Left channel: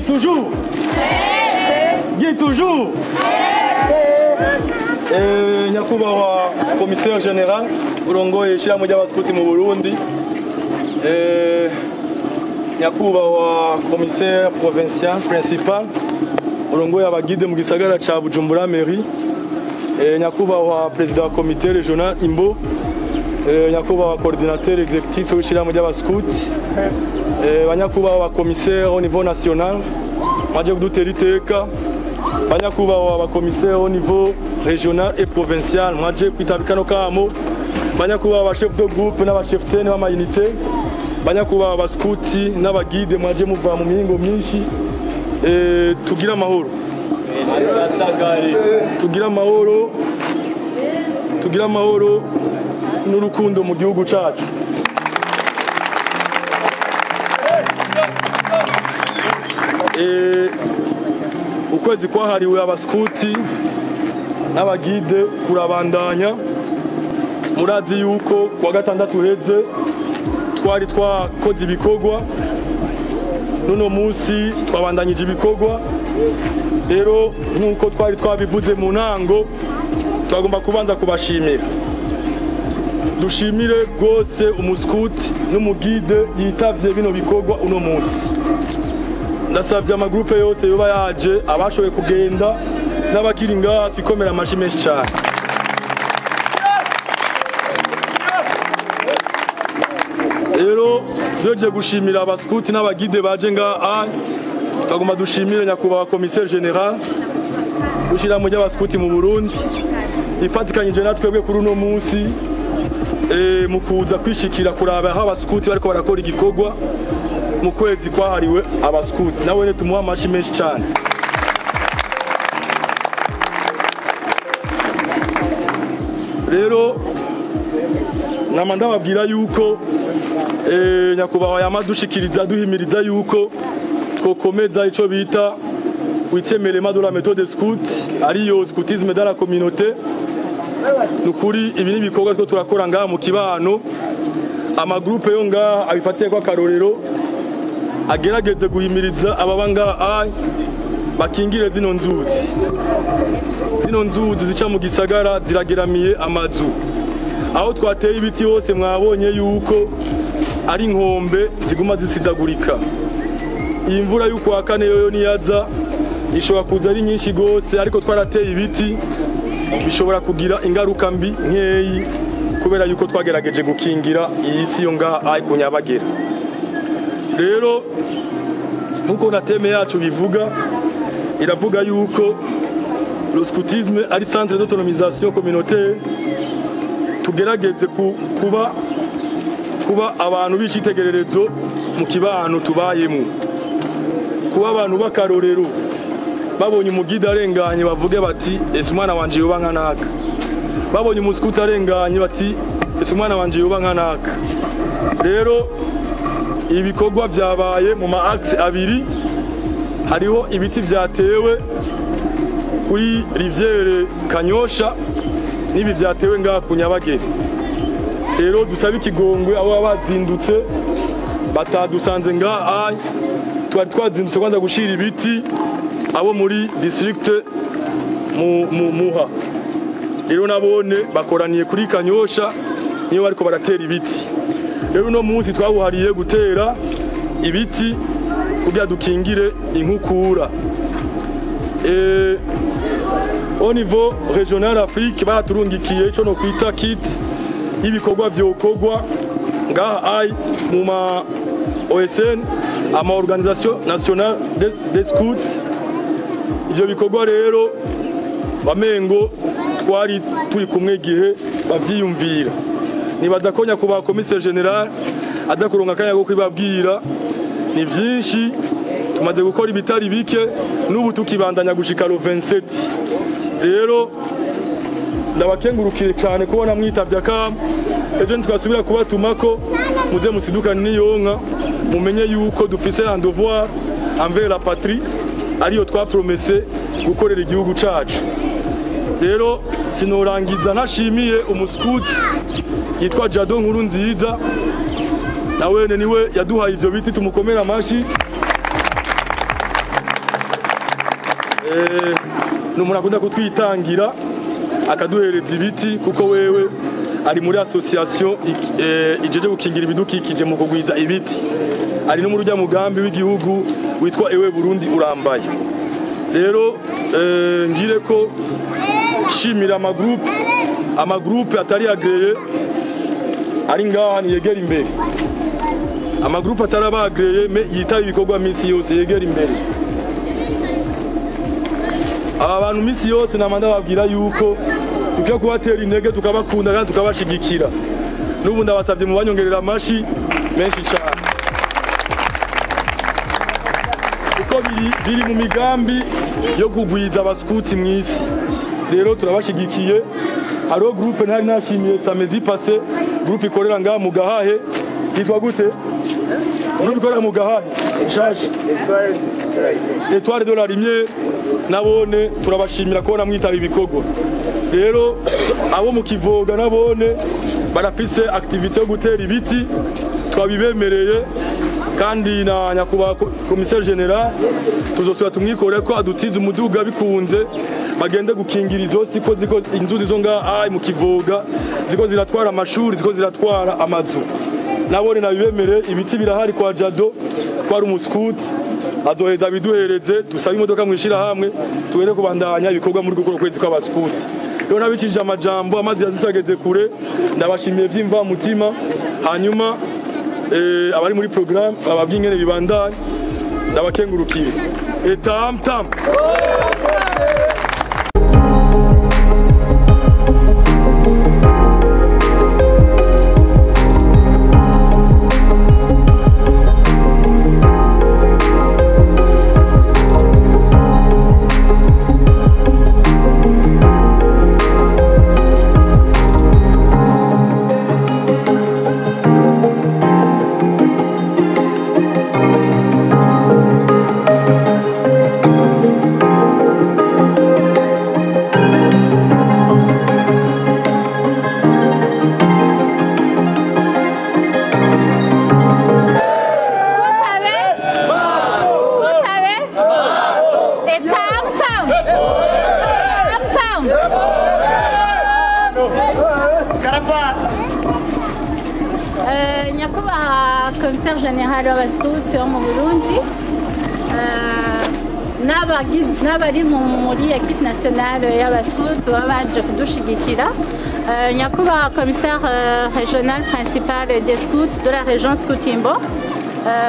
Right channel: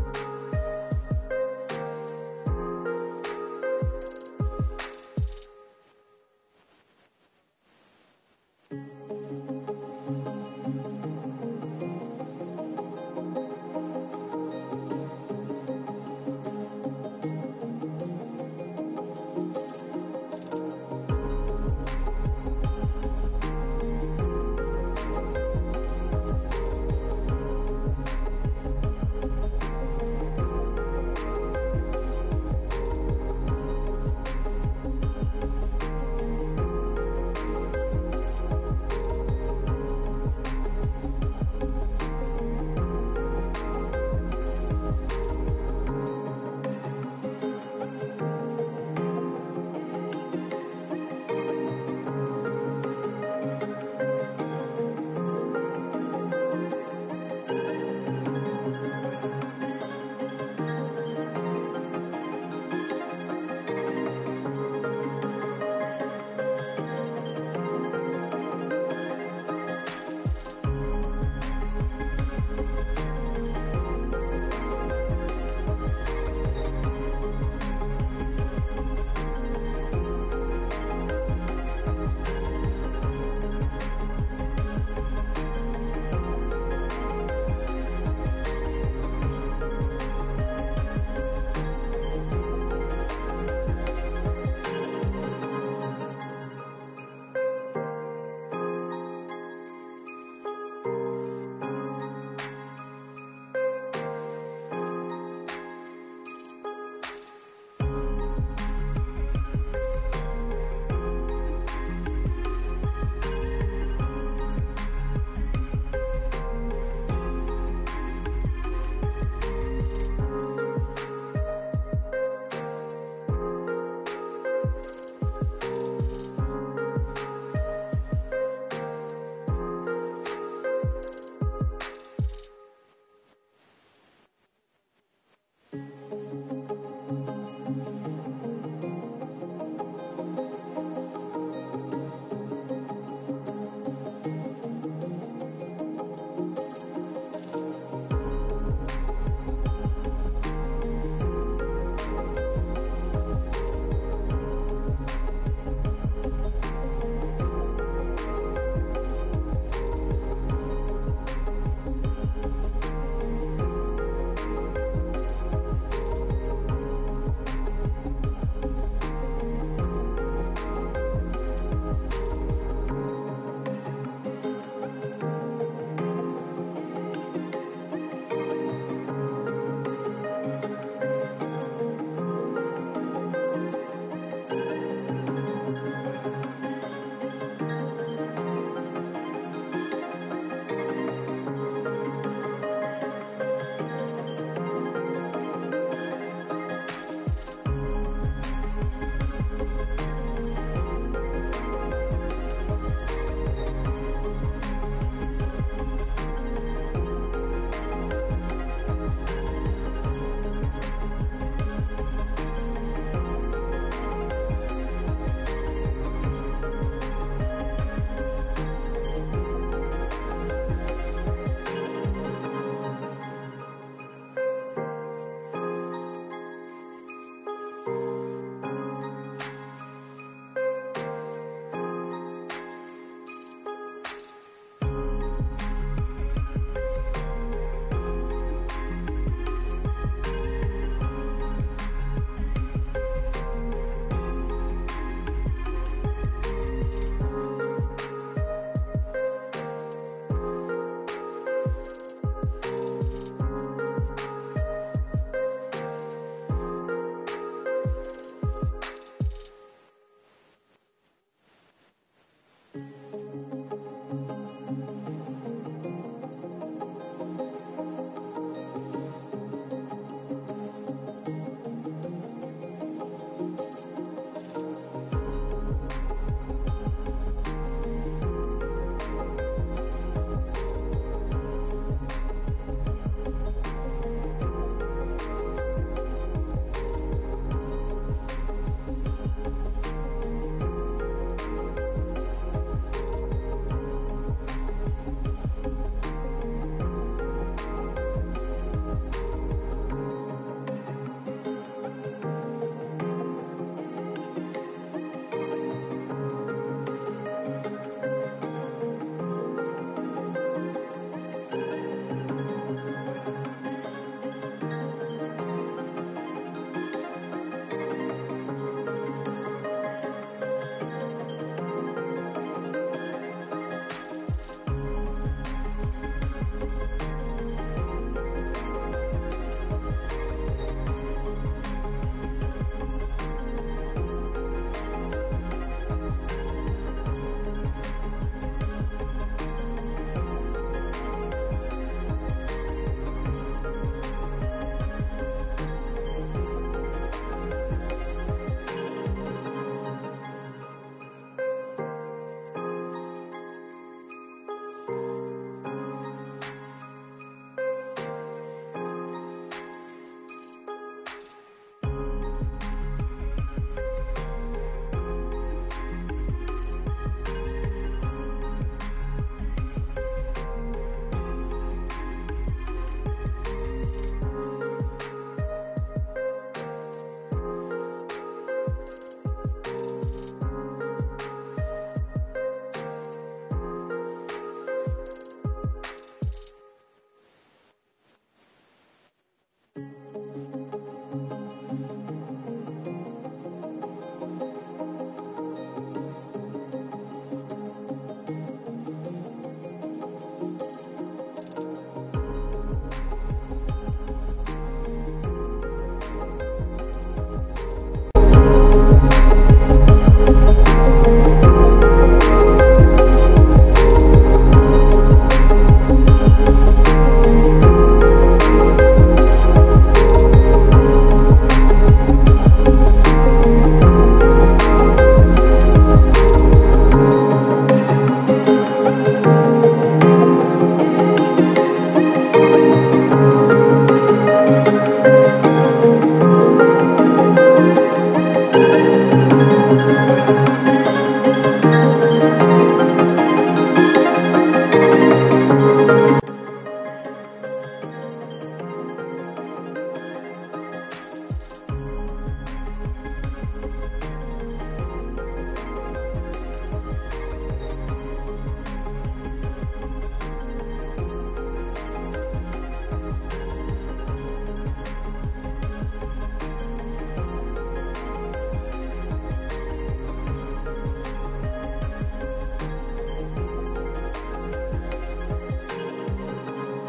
Guy toujours. Guy toujours. Nyakubahwa commissaire général urongoye ishyirahamwe ry'abaskuti mu Burundi. Nyakubahwa commissaire provincial principal urongoye abagide mu gisagara ca Bujumbura mairie. Nyakubahwa président wa comité régional Imbo. Nyakubahwa coordinateur exécutif w'ishyirahamwe ry'abaskuti. Banyakubahwa commissaire au niveau national baje kudutera iteka. Banyakubahwa ba commissaire au niveau régional et provincial mwaje kwitabikano kamo. Banyakubahwa ba chef de groupe n'aba chef tene b'ama unité. Banyakubahwa ba skuti n'abagide mwaje muva mu mihingo myinshi. Tugira amahoro. Tugira amahoro. Tugira amahoro n'urukundo mu gihugu cyacu. Ukwezi kwahariwe abaskuti n'abagide kurabandanya. Murazi yuko kwa gatandatu heze twari twakoze ibikorwa, nuno munsi twabandanyije ibikorwa. Rero nkuko twari twabivuze mu ntango, twagomba kubanza kubashimira. Dushimire rwose umuskuti n'umugide yitavye bino bikorwa uno munsi. Ndasavye amagrupe yose yoba yaje, abashoboye kugenda n'abakiri ngaha twikomera amashi menshi cyane. Rero doje gushimira abaskuti n'abagide baje ngaha, twagomba dushimire nyakubahwa commissaire général ushira mu ry'abaskuti mu Burundi ifatikanyije natwebwe kuri uno munsi mu kuza kwishikira kuraba aho abaskuti bariko barakora igikorwa mu kwezi kwahariwe abaskuti. Nawe ne tumuha amashi menshi cyane. Rero namanda babwira yuko nyakubahwa yamadushikiriza duhimiriza yuko twokomeza ico bita witemelema de la méthode scout ariyo scoutisme dans la communauté. Nukuri ibi ni bikorwa twa turakora ngaha mu kibano, amagrupe yo ngaha abifatiye kwa karorero agerageze guhimiriza ababa ngaha bakingire zino nzuzi. Zino nzuzi zica mu gisagara zirageramiye amazu. Aho twateye ibiti hose mwabonye yuko ari inkombe ziguma zisidagurika. Iyi mvura y'uko wa kane yoyo niyaza ishobora kuza ari nyinshi gose, ariko twarateye ibiti bishobora kugira ingaruka mbi nkeyi kubera yuko twagerageje gukingira iyi si yo ngaha ay kunyabagera. Rero nkuko na teme yacu bivuga, iravuga yuko le scoutisme ari centre d'autonomisation communautaire. Tugerageze kuba abantu b'icitegererezo mu kibano tubayemo, kuba abantu bakarorero babonye umugide arenganye bavuge bati ese umwana wanje yoba nkanaka, babonye umuskuti arenganye bati ese umwana wanje yoba nkanaka. Rero ibikorwa byabaye mu ma axe abiri, hariho ibiti byatewe kuri rivière Kanyosha nibi byatewe ngaha ku Nyabagere. Rero dusaba ikigongwe abo bazindutse batadusanze ngaha, twari twazindutse kwanza gushira ibiti abo muri district Muha. Rero nabone bakoraniye kuri Kanyosha niyo bariko baratera ibiti. Rero uno munsi twabuhariye gutera ibiti kugira dukingire inkukura. Au niveau régional Afrique baraturungikiye ico no kwita kit ibikorwa vyokorwa ngaha mu ma OSN ama organisation nationale des scouts. Ivyo bikorwa rero bamengo twari turi kumwe gihe bavyiyumvira. Nibaza ko nyakubahwa commissaire général aza kuronka kanya go kwibabwira ni vyinshi. Tumaze gukora ibitari bike n'ubu tukibandanya gushika lo 27. Rero ndabakengurukire cyane kubona mwitavye akam. Ejo twasubira kubatumako muze musidukane n'iyonka, mumenye yuko dufise un devoir envers la patrie ariyo twapromese gukorera igihugu cacu. Rero sinorangiza ntashimiye umuskuti yitwa Jado Nkuru Nziza, nawene niwe yaduhaye ivyo biti, tumukomera amashi. ni umuntu akunda kutwitangira akaduhereza ibiti kuko wewe ari muri association ijeje gukingira ibidukikije mu kugwiza ibiti ari no mu rujya mugambi w'igihugu witwa Ewe Burundi urambaye rero ngire ko shimira amagroupe atari agreye ari ngaha yegera imbere amagroupe atarabagreye me yitaba ibikorwa misi yose yegera imbere aba bantu misi yose namanda babwira yuko tukwiye kubatera intege tukabakunda kandi tukabashigikira n'ubu ndabasabye mu banyongerera amashi menshi cyane kuko biri mu migambi yo kugwiza abaskuti mw'isi rero turabashigikiye hariho groupe ntari nashimiye samedi passé groupe ikorera ngaha mu Gahahe yitwa gute groupe ikorera mu Gahahe shaje Etoile de la Lumière nabone turabashimira ko namwitaba ibikorwa rero abo mu Kivoga nabone barafise activité yo gutera ibiti twabibemereye kandi na nyakubahwa commissaire general tuzosubira tumwikore ko adutiza umuduga bikunze bagende gukingira izo siko ziko inzuzi zo ngaha mu Kivoga ziko ziratwara amashuri ziko ziratwara amazu nabone nabibemere ibiti birahari kwa Jado twari umuskuti azoheza biduhereze dusaba imodoka mwishira hamwe tuwere kubandanya ibikorwa muri gukora kwezi kw'abaskuti rero nabikije amajambo amazi yazitageze kure ndabashimiye vyimva mutima hanyuma abari muri programme ababwingene bibandanye ndabakengurukiye tam nyakubahwa commissaire général w'abaskuti wo mu Burundi n'abari muri equipe nationale y'abaskuti baba baje kudushigikira nyakubahwa commissaire régional principal des scouts de la région Scout-Imbo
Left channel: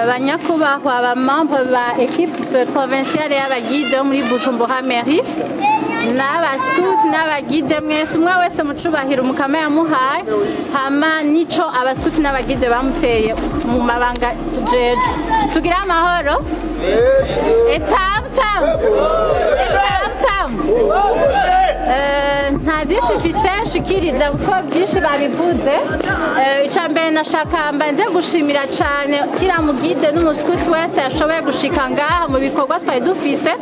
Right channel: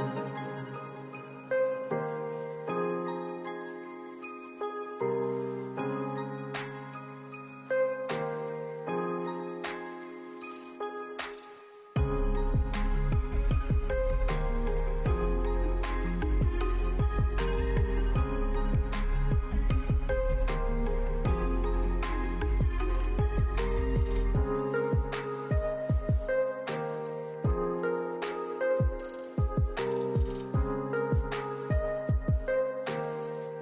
banyakubahwa abamembre ba equipe provinciale y'abaguide muri Bujumbura mairie n'abaskuti n'abaguide mwese umwe wese mu cubahiro mukama yamuhaye hama nico abaskuti n'abaguide bamuteye mu mabanga jeje tugira amahoro tam nta byinshi mfise nshikiriza kuko byinshi babivuze ica mbere nashaka mbanze gushimira cane kira mugide n'umuskuti wese yashoboye gushika ngaha mu bikorwa twari dufise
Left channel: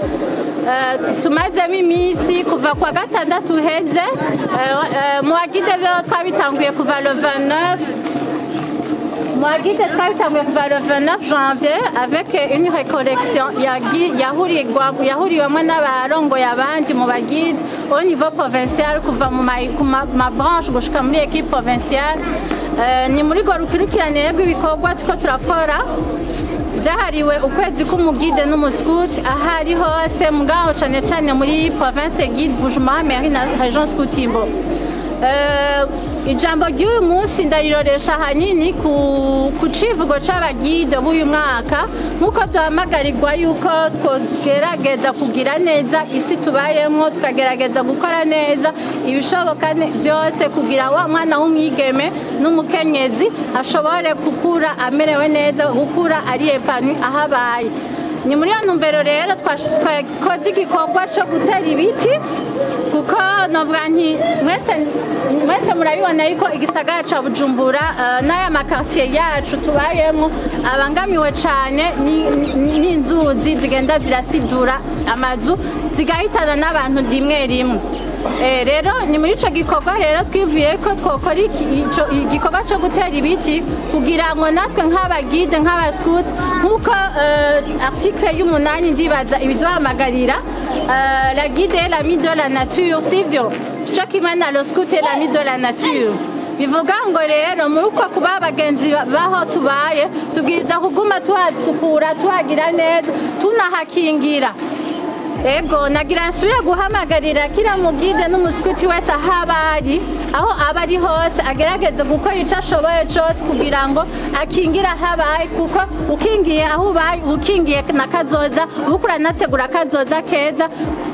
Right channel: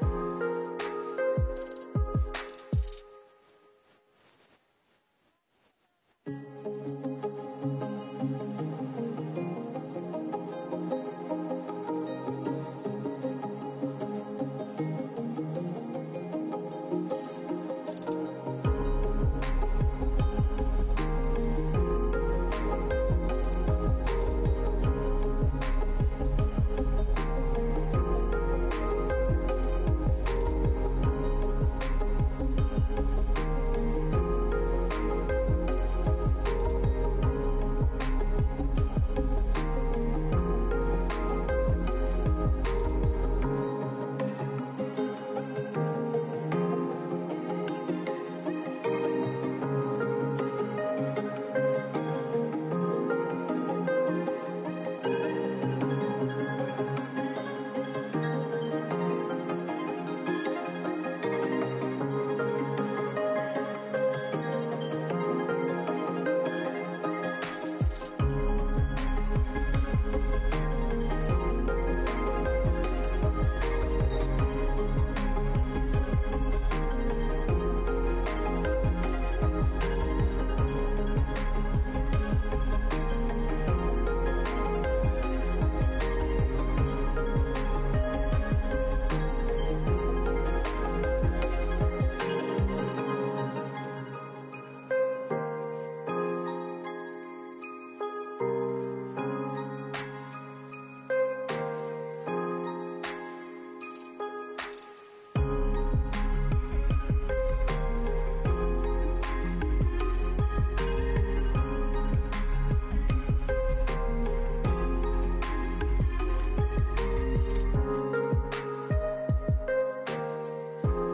tumazemo iminsi kuva kwa gatandatu uheze mu bagide rero twabitanguye kuva le 29 Mwagide twabitanguye kuva le 29 janvier avec une récollection yahuriwemo n'abarongoye abandi mu bagide au niveau provincial kuva mu ma branche gushika muri équipe provinciale ni muri go rukurikirane rw'ibikorwa tuko turakora byahariwe ukwezi k'umugide n'umuskuti ahari hose mugabo cane cane muri province guide Bujumbura mairie na région Scout-Imbo ijambo ry'uyu munsi ndariroresha hanini ku civugo c'abagide b'uyu mwaka nk'uko duhamagarirwa yuko twogerageza kugira neza isi tubayemwo tukagerageza gukora neza ibishoboka byose kugira wa mwana w'umwigeme n'umukenyezi ashobore gukura amerewe neza gukura ari epanu ahabaye ni muri iyo ntumbero rero twakoze igikorwa cyo gutera ibiti kuko novuga nti mwese murabibona yuko igisagara ca Bujumbura n'aya makartier yacu tubayemo abangamiwe cane n'inzuzi zigenda zirasidura amazu zigahitana n'abantu rimwe rimwe rero ni muri ico gikorwa rero twivuye ko twokora igikorwa cyo gutera ibiti kugira ngo natwe nk'abagide nk'abaskuti nk'uko article y'umunani ndibaza ibiduhamagarira la guide est l'ami de la nature, sivyo cyo kimwe na le scout est l'ami de la nature. Bivuga ngo rero muri uko kuba abagenzi baho tubaye tubwiza kuguma tuhasukura tuhagira neza tunahakingira. Ego nagira nsubire guhamagarira kira mugide n'umuskuti wese aho abari hose agerageze gukora icyo ashoboye cyose kugira ngo akingira habaye kuko ukingiye aho ubaye ukingiye na kazoza ukura nategura kazoza keza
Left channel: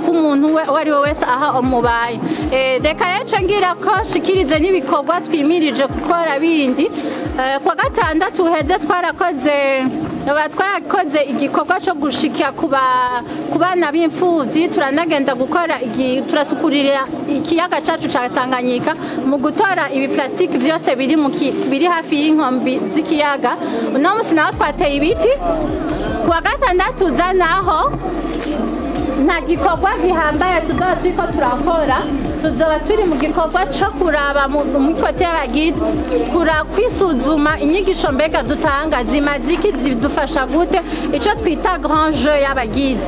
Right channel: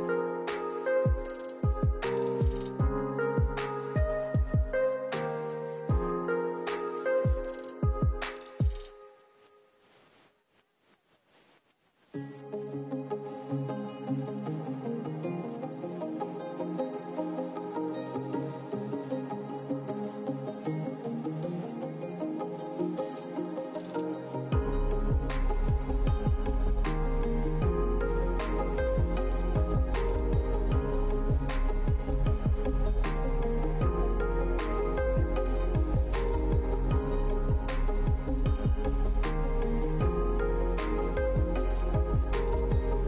k'umuntu uwo ari we wese aho umubaye. Reka yace ngira ko shikirize n'ibikorwa twimirije gukora bindi. Kwa gatandatu uheze twarakoze igikorwa cyo gushikira ku bana b'imfuvyi turanagenda gukora turasukurira ikiyaga cacu ca Tanganyika mu gutora ibi plastic byose biri hafi y'inkombi z'ikiyaga. Uno musi naho twateye ibiti. Kwa gatandatu uza naho nta gikorwa gihambaye tuzoba turiko turakora, tuzoba turi mu gikorwa cyo kuraba mu kote y'abagide kwisuzuma inyigisho mbega dutanga zimaze iki zidufasha gute icyo twita grand jeu y'abagide.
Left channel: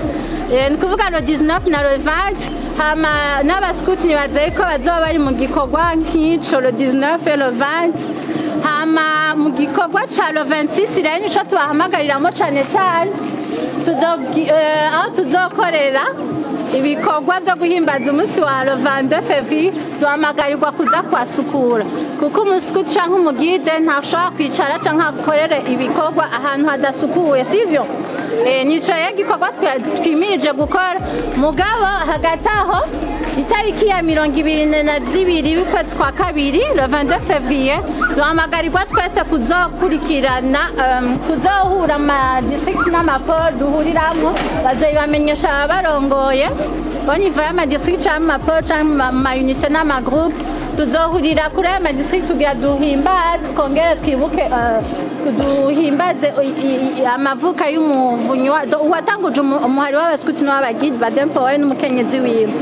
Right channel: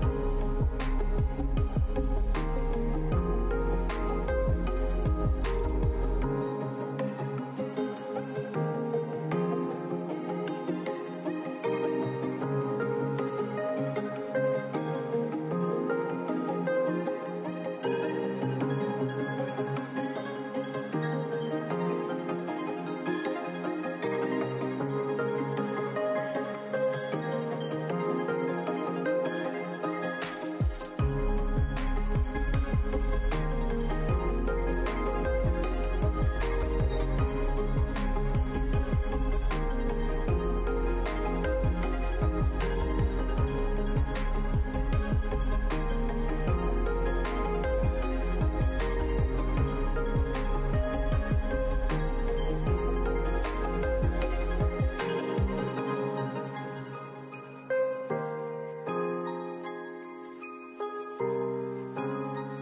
Ni kuvuga le 19 na le 20 hama n'abaskuti nibaze ko bazoba bari mu gikorwa nk'ico le 19 et le 20 hama mu gikorwa ca le 26 rero nico tubahamagariramu cane cane aho tuzokorera ibikorwa byo guhimbaza umunsi wa le 22 février duhamagarirwa kuza kwasukura kuko umuskuti canke umugide ntashobora kwicara canke akorere ibikorwa ahantu hadasukuye sivyo. Nico rero igikorwa twimirije gukora mugabo hagati aho itariki ya 22 y'ukwezi kwa kabiri le 22 février duhamagarirwa twese kuzokurikirana kuzohura ama district n'amaporo duhuriramwo bazoyibamenyesha abarongoye au niveau y'amadistrict canke amaporo canke amayunite n'amagroupe tuzohurira kuri ayo madistrict tugira duhimbaze twongere twibuke duhimbaze amavuka y'umuvunyi uwatanguje umuhari w'abaskuti n'abagide badempowe n'umukenyezi wiwe.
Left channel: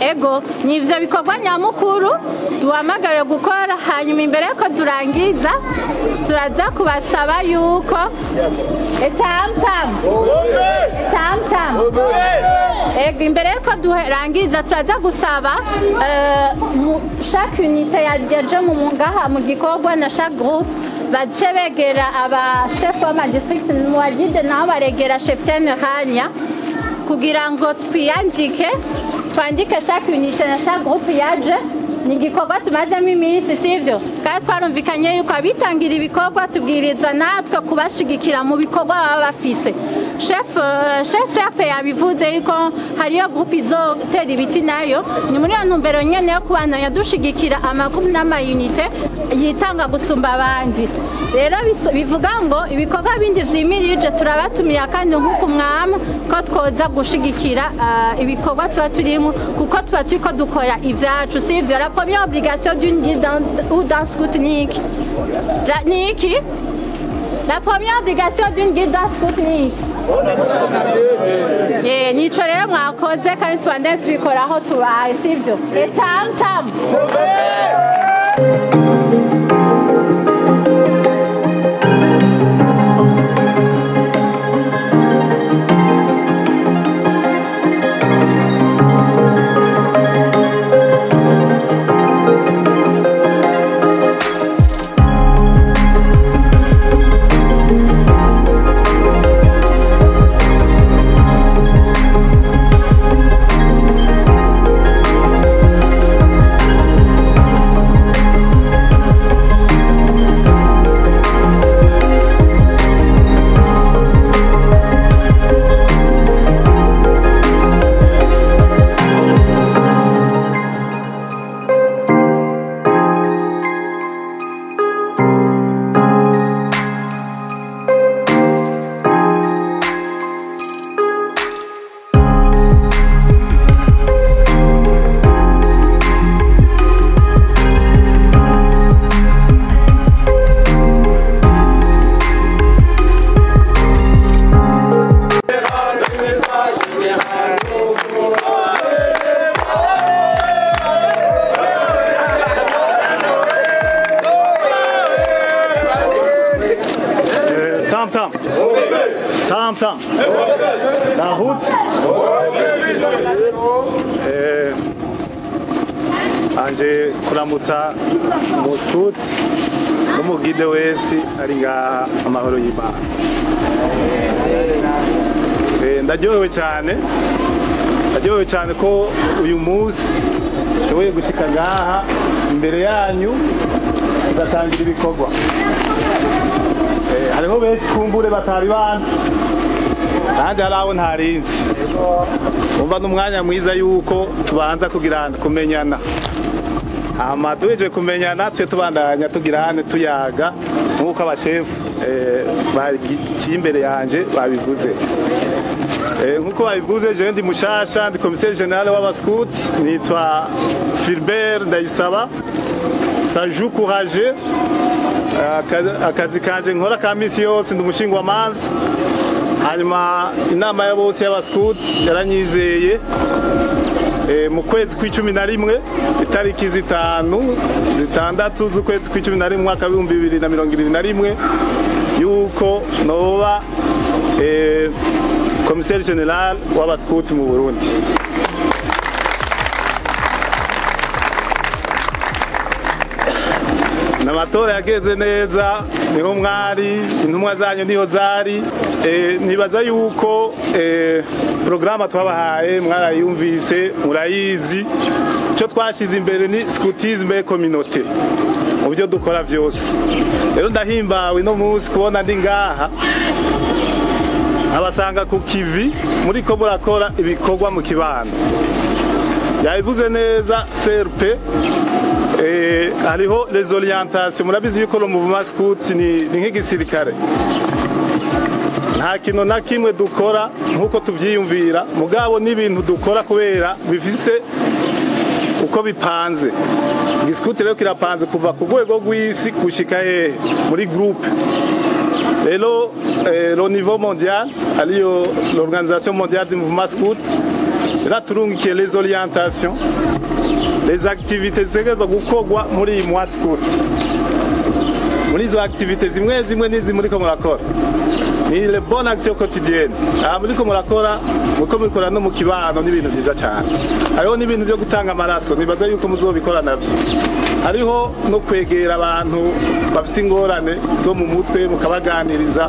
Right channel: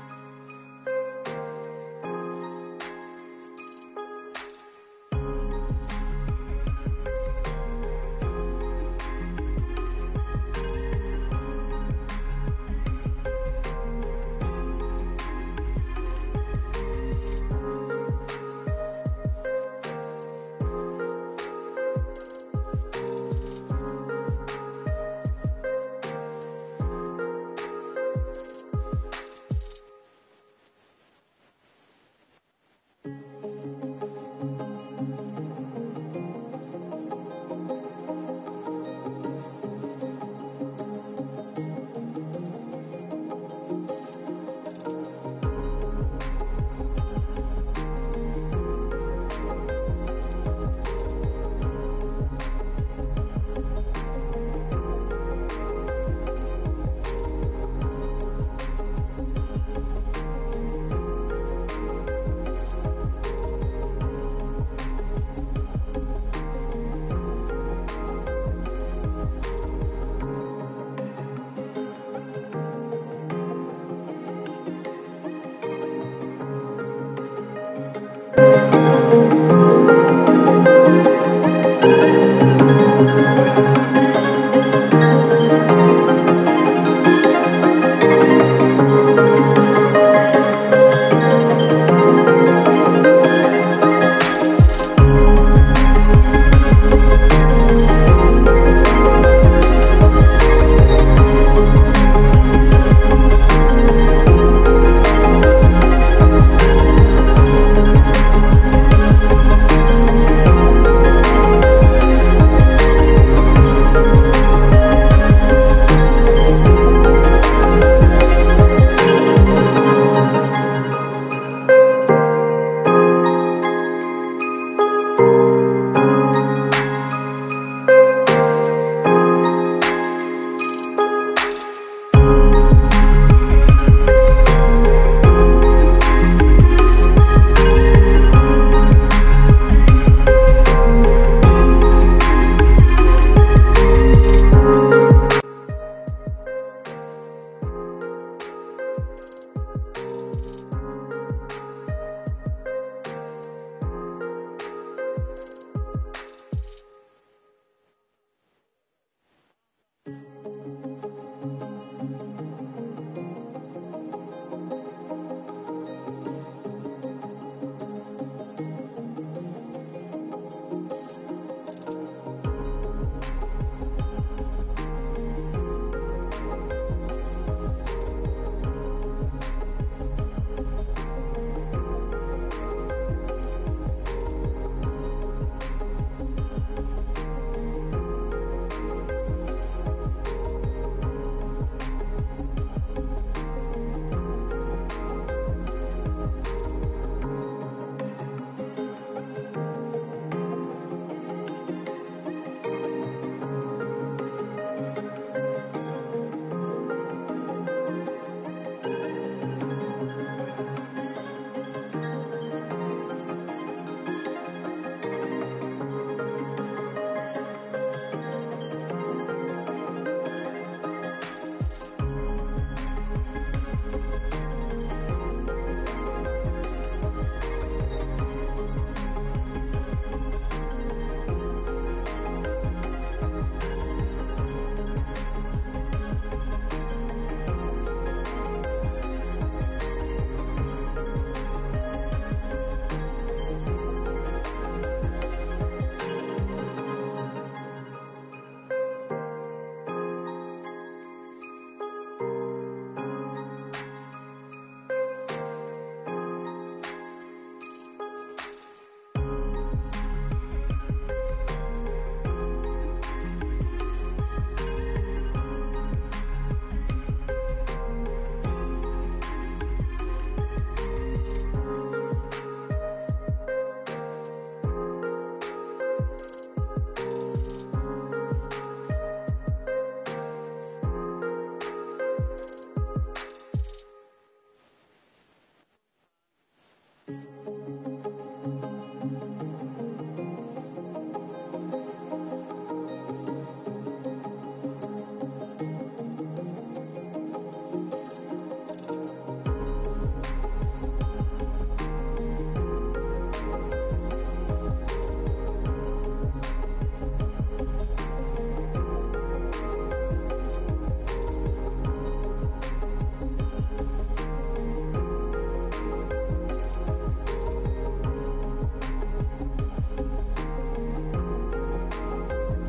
Ego ni ivyo bikorwa nyamukuru duhamagare gukora hanyuma imbere yuko turangiza turaza kubasaba yuko etamtam ego imbere yuko durangiza turaza gusaba chaque unité yaje mu ngaha mu gikorwa na chaque groupe bace begera aba chef w'amadistrict mu bagide nabo baregera cheftaine hanya kugira ngo twiyandike twandike chaque unité na chaque groupe yaje. Ni igikorwa tumazemo iminsi sivyo kandi twarumvikanye yuko abitangira ibikorwa tubwirizwa natwe kubashigikira mu bikorwa baba bafise. Chef CRP yabivuze yuko hariyo groupe izotera ibiti nayo ni muri iyo ntumbero nyene yo kubandanya dushigikira amagroupe n'amayunite yitanga gusumba abandi. Rero bivuga ngo ibikorwa bindi vyimirije turabatumiye kandi nk'uko mwama ko twoza gushigikira ibikorwa tuba turimo kuko tuba turiko dukora ivyacu sivyo. La première obligation d'une guide ou d'un scout Niki. La première obligation d'une guide d'un scout Niki. Nico rero mwakoze kandi tubandanye tubikora aho tubaye sivyo. Etamtam. Tam. La route. mbanje kuramutsa umuskuti n'umugide wese ari ngaha amahoro y'Imana. Ndaryohewe cyane ko uyu munsi nshoboye gushika ngaha imbere yanyu tugatangira ibikorwa. Hariho benshi kumbure batari banzi, nanjye hari abo ntarinzi. Umva n'umwanya mwiza yuko tubanza kumenyana. Hama duhejeje kumenyana twe tubandanya tugirane tuyaga nk'uko abashefu bagiye imbere yanje babivuze. Nk'uko babivuze, je ndi mushasha, ndi commissaire general w'abaskuti, nitwa Philbert Ndayisaba Saju Courage. Akazi kanje nkora ka misi yose ndi umushingwamanza. Hanyuma inama ya bose y'abaskuti yaranyizeye mu kwezi kw'icumi itariki 5/6 z'ukwezi kw'icumi mwaka w'ibihumbi 2021 yuko noba commissaire general w'abaskuti mu Burundi. N'amatora yageze neza, niho mwari, intumwa zanyu niho zari. Nibaza yuko programa twabahaye mwarayumvise, murayizi. Icyo twashize imbere ni scoutisme communauté mu byo dukora byose. Rero ndahimbawe no munsi kubona ndi ngaha abasanga ku kivi muri ko murakora ibikorwa mu kibano. Yabivuze neza CRP, hariho les orientations. Murabizi yuko no mu maskuti ni nk'igisirikare, nta kintu na kimwe dukora nk'uko tubyiyumvira, mugabo n'ibintu dukora kubera bifise uko bipanze. Igiskuti rero kirapanze kuva ku rwego rw'isi gushika hehe muri groupe. Rero au niveau mondial ariyo l'organisation mondiale du mouvement scout iraturungikiye les orientations, les activités zitegerezwa gukorwa muri iyi mois scout. Muri izo activités zimwe n'izi muriko murakora ni les bonnes actions quotidiennes. Muriko murakora no mu kibano n'ibintu byiza cyane. Hariho n'ibintu byo gutanga amaraso, nibaza yuko muzobikora navyo. Hariho no kwegera abantu bafise ingorane zo mu mutwe mukabaganiriza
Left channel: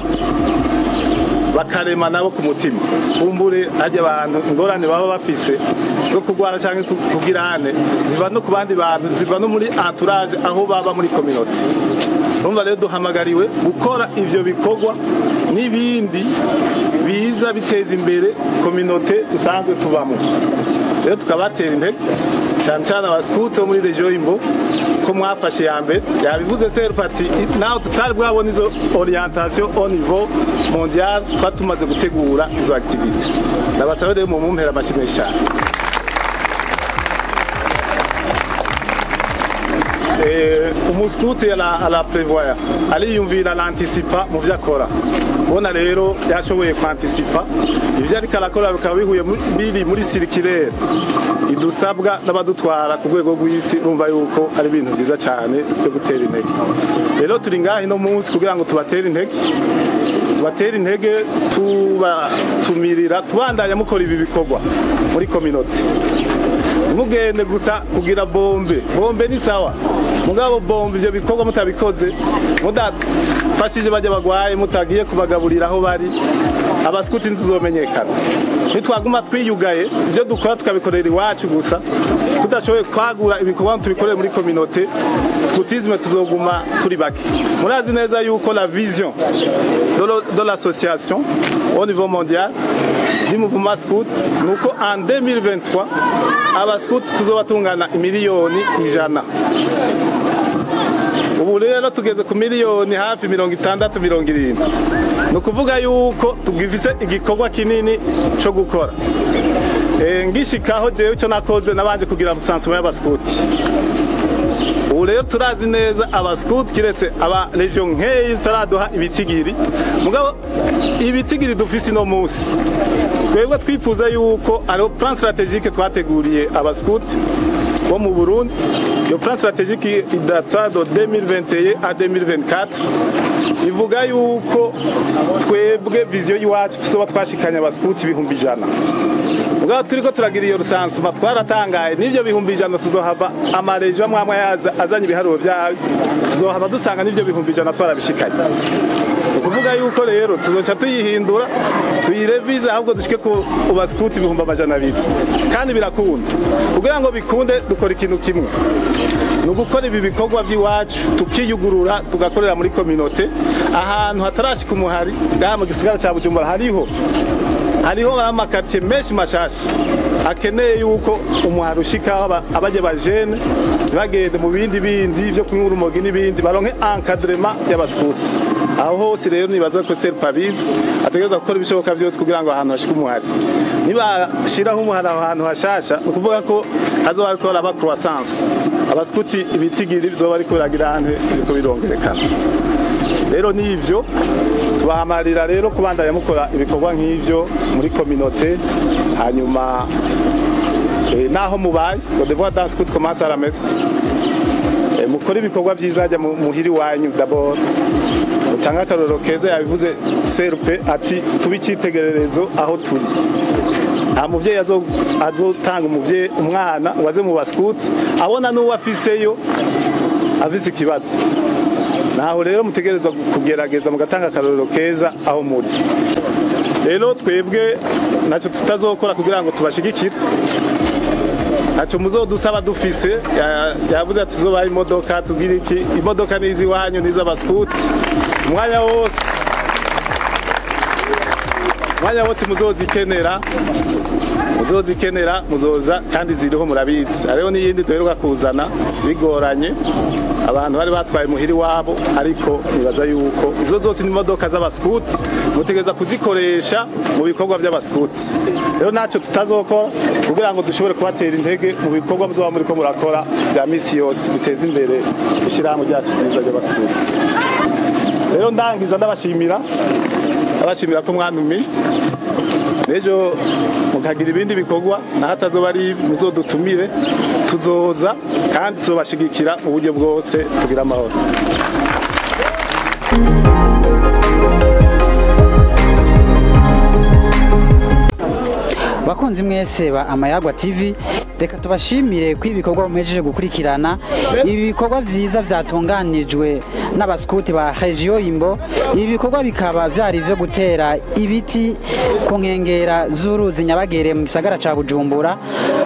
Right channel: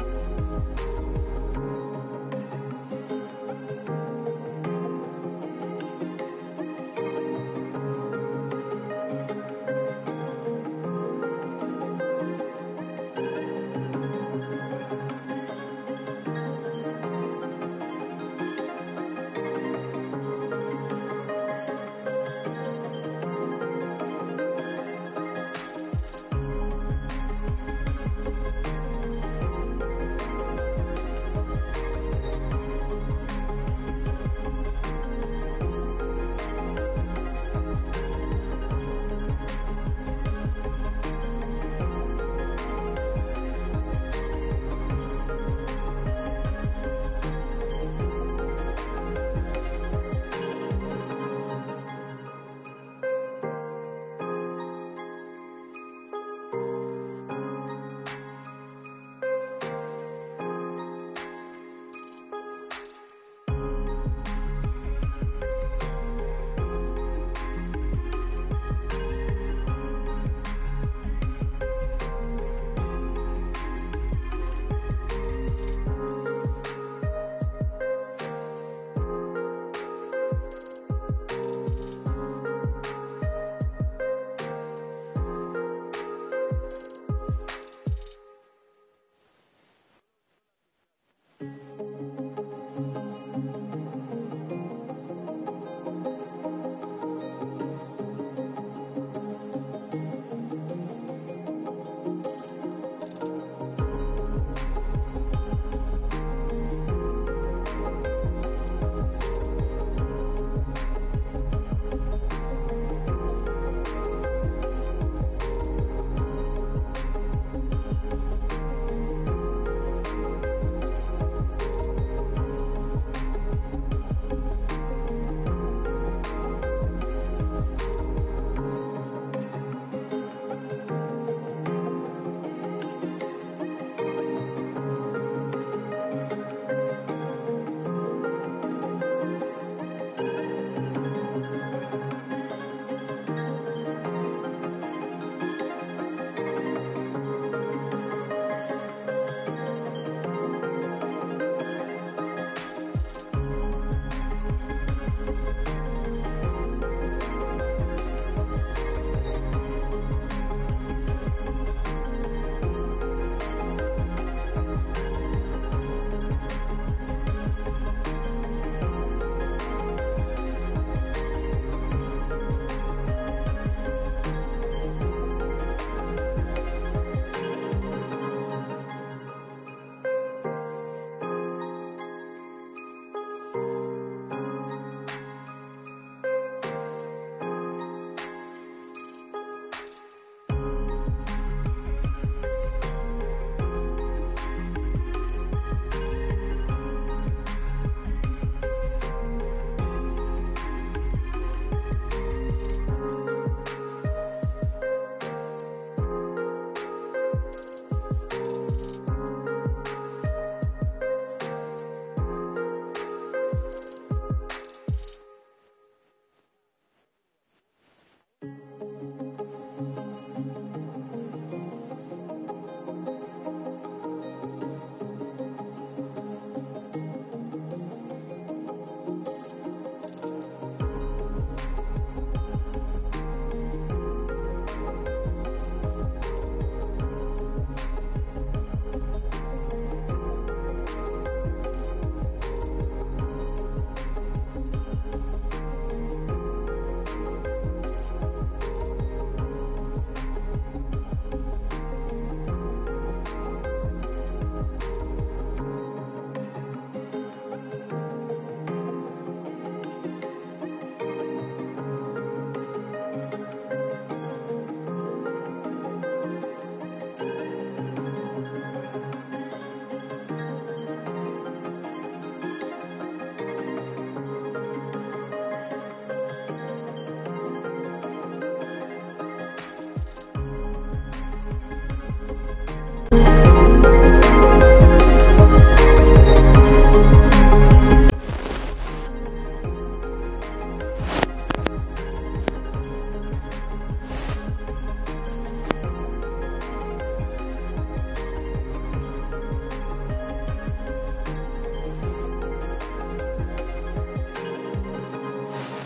bakarema nabo ku mutima. Kumbure ajya abantu ingorane baba bafise zo kugwara cyangwa kugirane ziva no ku bandi bantu, ziva no muri entourage aho baba muri communauté. Urumva rero duhamagariwe gukora ivyo bikorwa n'ibindi biza biteza imbere communauté dusanzwe tubamo. Rero tukabatera intege cyane abaskuti bo muri region Imbo ko mwafashe ya mbere. Yabivuze serpati naho tutari bwabona izo orientation au niveau mondial, twatumaze gutegura izo activity. Ndabasaba rero mu mumpera amashimwe cyane. Umuskuti ala prévoir, aliyumvira l'anticipa mu byakora. Bona rero yashoboye kwanticipa ivyo ariko arakora bikaba bihuye biri muri circulaire idusabwa n'abadutwara ku rwego rw'isi. Urumva yuko ari ibintu byiza cyane byo gutera intege. Rero turi ngahi no munsi kugira ngo tubatere intege, tumirira kubandanya mukora ibi bikorwa muri communauté. Mugende gusa kugira bombe ni sawa, mugabo bombe ivyo bikorwa mutabikoze, mudafashije bajya bagwaye, mutagiye kubagaburira aho bari, abaskuti ntizomenyekana. Nitwaguma twiyugaye ivyo dukora tukabikorera iwacu gusa, tudashoboye kwagura ibikorwa tubikorere muri communauté, scoutisme tuzoguma turi bake. Murazi neza yuko la vision de l'association au niveau mondial du mouvement scout nuko en 2023 abaskuti tuzobatungana miliyoni 100. Ubu rero tugeze ku miliyoni hafi 60-70. Nukuvuga yuko tugifise igikorwa kinini cyo gukora. Ngishikaho jewe icyo nakoze nabanje kugira busansuma y'abaskuti. Ubu rero turazi neza abaskuti kiretse aba region nkeyi zitaraduha ibitigiri, mugabo ibitigiri dufise no munsi. Twebwe twifuza yuko ari plan stratégique twateguriye abaskuti bo mu Burundi. Iyo plan stratégique idata de 2021 à 2024 ivuga yuko twebwe vision yiwacu tuzoba twashikanya abaskuti 100,000. ubwo turiko turagira iyo rusansuma twaratangaye n'ivyo bihumbi 100 tuzohava amarejo amwe azanye ibiharuro byayo tuzohava dusanga n'ivyo bihumbi 100 twarabishikanye ukuvuga yuko rero tuzoca tuyihindura tuyirevize ahubwo dushike ku baskuti ibihumbi 200 kandi birakunda kugira ngo bikunde dukora ikintu kimwe ni ugukora ibi bikorwa by'iwacu tukiyugurura tugakorera muri kominote ahantu hatarashika umuhari ngaha mu gisigara cya Bujumbura hariho amakatiye menshi mashasha akeneye yuko umuhari ushika abaje bajene bagende mu bindi byo kunyura urumogi n'ibindi baronke encadrement y'abaskuti aho hose rero nibaza ko Serpabizi ategereza gukora ibishoboka byose kugira ngo ahantu hashike umuhari nibashiraho umuhari ahantu hashasha ukuvuga ko hazoba ariko aba croissance abaskuti ibitigiri bizoba ariko biragira ahantu biriko birongerekana rero nivyo tubahamarira rero kubandanya mukora ibikorwa nk'ivyo muri kominote hanyuma naho mubaye le devoir d'un scout commence à la messe mukora ibikorwa byizajya muhiri wanyu d'abord utanga akarorero keza yabivuze Serpe ati tubicitegererezo aho turi nta muvyeyi azotanga umwana waze mu baskuti abona n'uwo afiseyo afise ikibazo naho rero mutegerezwa kugerageza mugatanga akarorero keza aho muri rero twebwe naco tutazokora kugira ngo tubashigikire naco muzodusaba dufise yavuze ati zobaye imodoka tugira iki imodoka nizi wanyu n'iz'abaskuti umwanya wose muzozikenera muzoza kandi ziriho murabizi ariho n'iyindi duheruka kuzana bigoranye abantu bari batwaye muhiri wabo ariko nibaza yuko izo zose ni imodoka z'abaskuti mutegereza kuzikoresha mu bikorwa by'abaskuti rero ntacyo tutazokora kugira ngo dushobore kubatera intege mu bikorwa muzoba muri ko murakora bya misi yose biteza imbere ishyirahamwe ryacu ryiza ry'abaskuti rero ndangiza ndabashimira ko mwantumiye n'ejo mukagira ibindi bikorwa naho atazoba ari muzodutumire tuzoza kandi tuzobashigikira mu buryo bwose kugira amahoro. Bakunzi mwese ba Amayagwa TV, reka tubashimire ko ibikorwa mumejeje gukurikirana ibi bikorwa vyiza vyatunganijwe n'abaskuti ba Region Imbo. Ibi bikorwa bikaba vyari vyo gutera ibiti ku nkengera z'uruzi Nyabagere mu gisagara ca Bujumbura.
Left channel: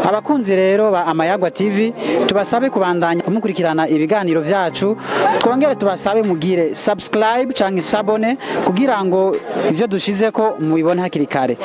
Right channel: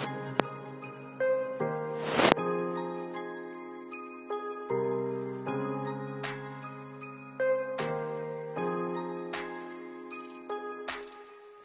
Abakunzi rero ba Amayagwa TV tubasabe kubandanya kumukurikirana ibiganiro vyacu, twongere tubasabe mugire subscribe canke sabone kugira ngo ivyo dushizeko mubibone hakiri kare.